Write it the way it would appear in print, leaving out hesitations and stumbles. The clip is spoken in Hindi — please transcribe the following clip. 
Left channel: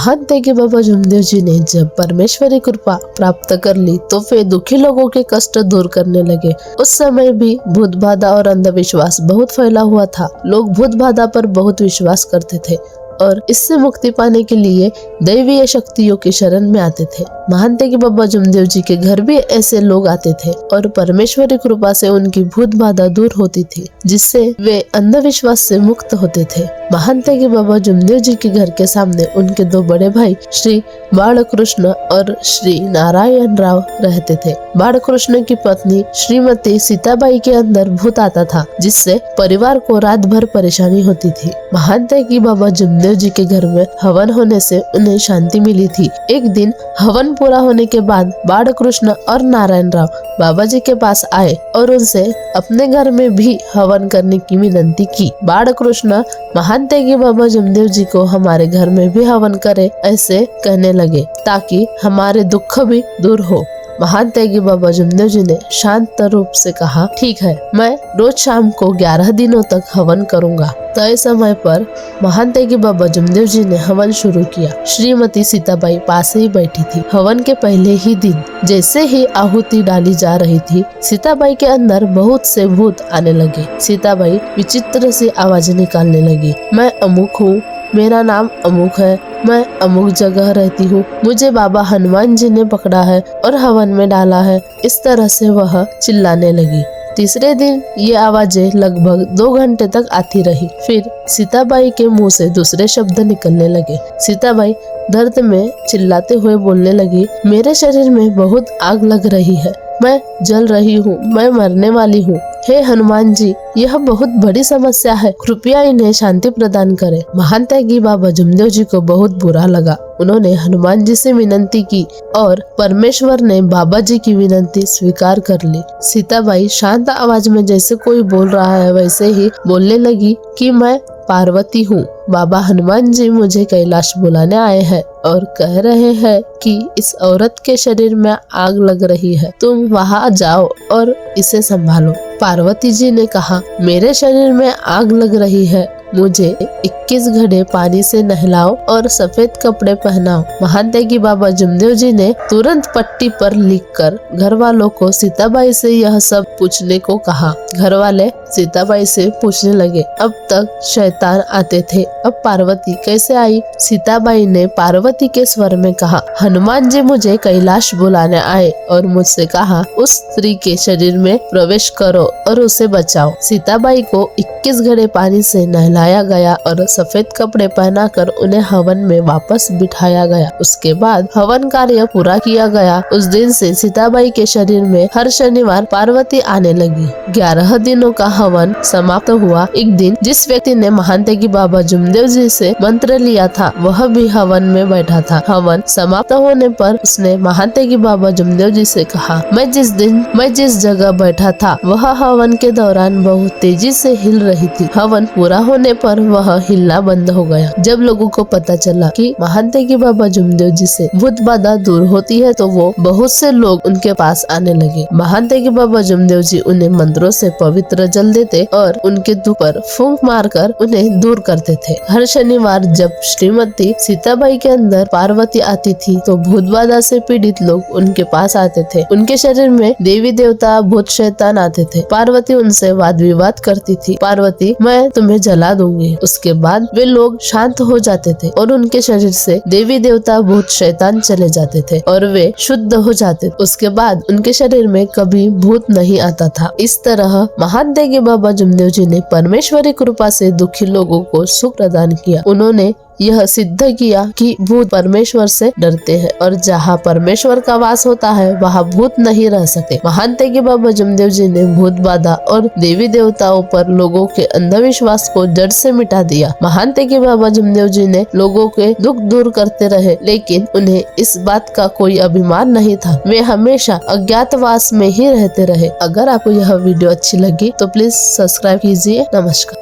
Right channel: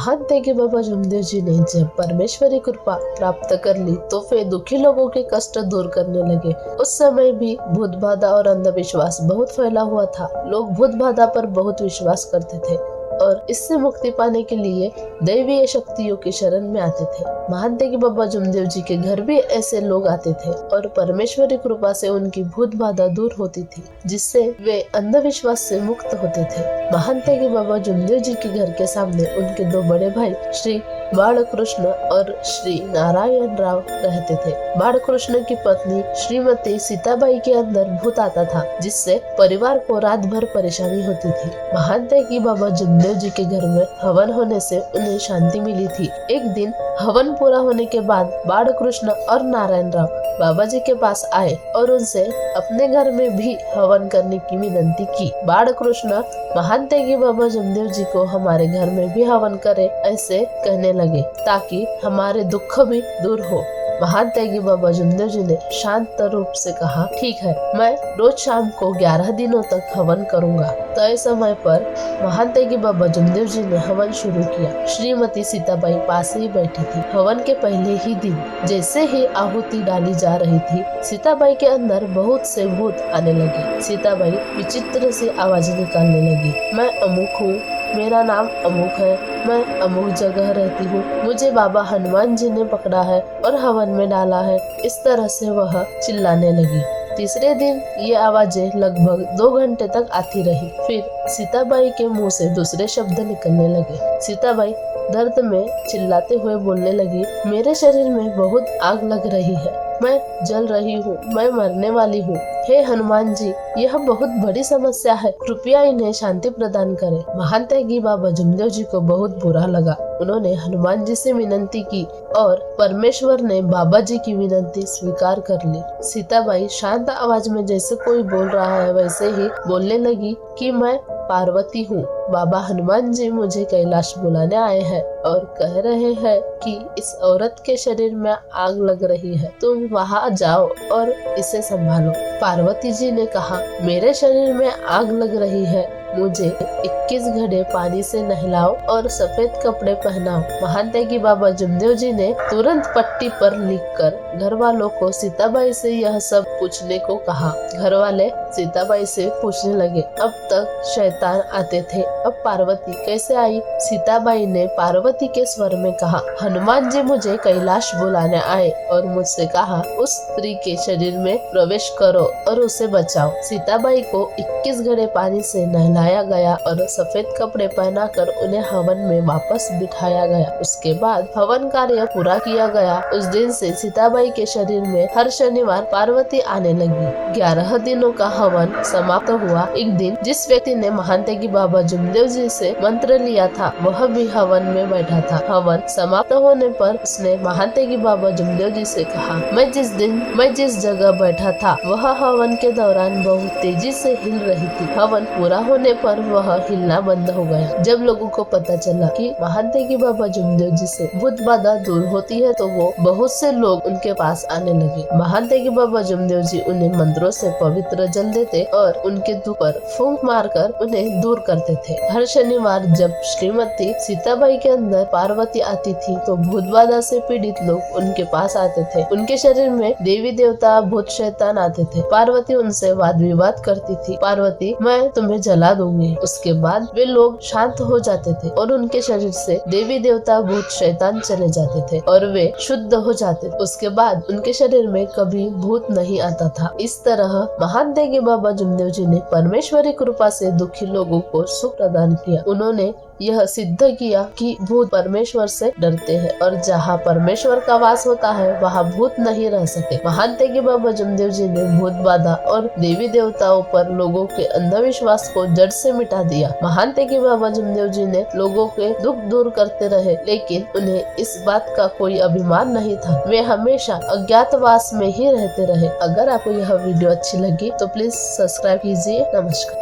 महान तेगी बाबा जमदेव जी ने जब परमेश्वरी कृपा प्राप्त कर ली तो वे दुखी लोगों के कष्ट दूर करने लगे। उस समय भी भूत बाधा और अंधविश्वास बहुत फैला हुआ था। लोग भूत बाधा पर बहुत विश्वास करते थे और इससे मुक्ति पाने के लिए दैवीय शक्तियों की शरण में आते थे। महान तेगी बाबा जमदेव जी के घर भी ऐसे लोग आते थे और परमेश्वरी कृपा से उनकी भूत बाधा दूर होती थी, जिससे वे अंधविश्वास से मुक्त होते थे। महान तेगी बाबा जमदेव जी के घर के सामने उनके दो बड़े भाई श्री बालकृष्ण और श्री नारायण राव रहते थे। बालकृष्ण की पत्नी श्रीमती सीताबाई के अंदर भूत आता था, जिससे परिवार को रात भर परेशानी होती थी। महान तेगी बाबा जमदेव जी के घर में हवन होने से उन्हें शांति मिली थी। एक दिन हवन पूरा होने के बाद बालकृष्ण और नारायण राव बाबा जी के पास आए और उनसे अपने घर में भी हवन करने की विनती की। बालकृष्ण महान तेगी बाबा जमदेव जी को हमारे घर में भी हवन करे ऐसे कहने लगे, ताकि हमारे दुख भी दूर हो। महान तेगी बाबा जमदेव जी ने शांत रूप से कहा, ठीक है, मैं रोज शाम को 11 दिनों तक हवन करूंगा। तय समय पर महान तेगी बाबा जमदेव जी ने हवन शुरू किया। श्रीमती सीताबाई पास ही बैठी थी। हवन के पहले ही दिन जैसे ही आहुति डाली जा रही थी, सीताबाई के अंदर बहुत से भूत आने लगे। सीताबाई विचित्र सी आवाज निकालने लगी, मैं अमुक हूँ, मेरा नाम अमुक है, मैं अमुक जगह रहती हूँ, मुझे बाबा हनुमान जी ने पकड़ा है और हवन में डाला है। इस तरह से वह चिल्लाने लगी। तीसरे दिन ये आवाजें लगभग 2 घंटे तक आती रही। फिर सीताबाई के मुंह से दूसरे शब्द निकलने लगे। सीताबाई दर्द में चिल्लाते हुए बोलने लगी, मेरे शरीर में बहुत आग लग रही है, मैं जल रही हूँ, मैं मरने वाली हूँ। हे हनुमान जी, यह बहुत बड़ी समस्या है, कृपया इन्हें शांति प्रदान करें। महान तेगी बाबा जमदेव जी को बहुत बुरा लगा। उन्होंने हनुमान जी से विनती की और परमेश्वर ने बाबा जी की विनती स्वीकार कर ली। सीताबाई शांत आवाज में जैसे कोई बोल रहा है वैसे ही बोलने लगी कि मैं पार्वती हूँ। बाबा हनुमान जी मुझे कैलाश बुलाने आए हैं और कह रहे हैं कि इस औरत के शरीर में आग लग रही है, तुम वहाँ जाओ और इसे संभालो। पार्वती जी ने कहा, मेरे शरीर में आग लग रही है, मुझे 21 घड़े पानी से नहलाओ और सफेद कपड़े पहनाओ। महान तेगी बाबा जमदेव जी ने तुरंत पट्टी पर लिखकर घर वालों को सीताबाई से यह सब पूछने को कहा। घर वाले सीताबाई से पूछने लगे, अब तक शैतान आते थे, अब पार्वती कैसे आई? सीताबाई ने पार्वती के स्वर में कहा, हनुमान जी मुझे कैलाश बुलाने आए और मुझसे कहा, उस स्त्री के शरीर में प्रवेश करो और उसे बचाओ। सीताबाई को 21 घड़े पानी से नहलाया गया और सफेद कपड़े पहनाकर उन्हें हवन में वापस बिठाया गया। उसके बाद हवन कार्य पूरा किया गया। उस दिन से सीताबाई के शरीर में हर शनिवार पार्वती आने लगी। 11 दिनों का हवन समाप्त हुआ। एक दिन जिस व्यक्ति ने महान तेगी बाबा जमदेव जी से मंत्र लिया था, वह भी हवन में बैठा था। हवन समाप्त होने पर उसने महान तेगी बाबा जमदेव जी से कहा, मैं जिस जगह बैठा था वह हवन के दौरान बहुत तेजी से हिल रही थी। हवन पूरा होने पर वह हिलना बंद हो गया। जब लोगों को पता चला कि महान तेगी बाबा जमदेव जी से भूत बाधा दूर होती है, तो वो बहुत से लोग उनके पास आने लगे। महान तेगी बाबा जमदेव जी उन्हें मंत्रों से पवित्र जल देते और उनके दुख पर फूंक मारकर उन्हें दूर करते थे। हर शनिवार जब श्रीमती सीताबाई के अंदर पार्वती आती थी, तो भूत बाधा से पीड़ित लोग उनके पास आते थे। उनके शरीर में देवी देवता भूत शैतान आते थे। पार्वती उनसे वाद विवाद करती थी, पार्वती मैं तुम्हें जला दूंगी। उसके बाद वे लोग शांत हो जाते थे और उनके शरीर से देवी देवता भूत शैतान चले जाते थे और वे शुद्ध हो जाते। उसके बाद उनके शरीर में कभी भूत नहीं आता था। इस तरह महान तेगी बाबा जमदेव जी ने परमेश्वरी कृपा से दुखी लोगों को सुख प्रदान किया। उन्होंने यह सिद्ध किया कि भूत परमेश्वर से डरते हैं और जहाँ परमेश्वर का वास होता है वहाँ भूत नहीं रह सकते। महान तेगी बाबा जमदेव जी ने भूत बाधा और देवी देवताओं पर लोगों के अंधविश्वास को जड़ से मिटा दिया। महान तेगी बाबा जमदेव जी ने लोगों के दुख दूर करते रहे, लेकिन उन्हें इस बात का कोई अभिमान नहीं था। वे हमेशा अज्ञातवास में ही रहते रहे। अगर आपको यह वीडियो अच्छी लगी तो प्लीज सब्सक्राइब कीजिए। नमस्कार।